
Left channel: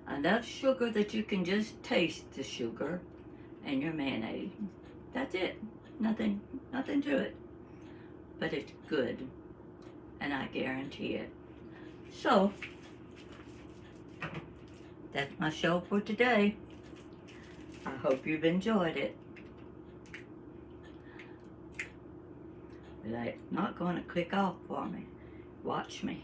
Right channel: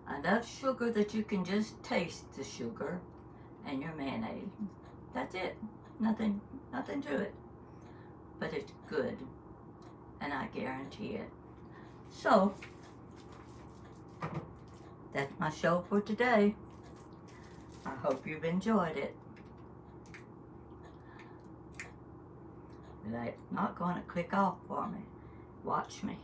enough sugar that you can just taste the sugar, and your mayonnaise. That's it. Nothing to it. But it's good, and I guarantee it. So, that's my show for today. I hope you've enjoyed it. But it's not going to click off for me. Watch me.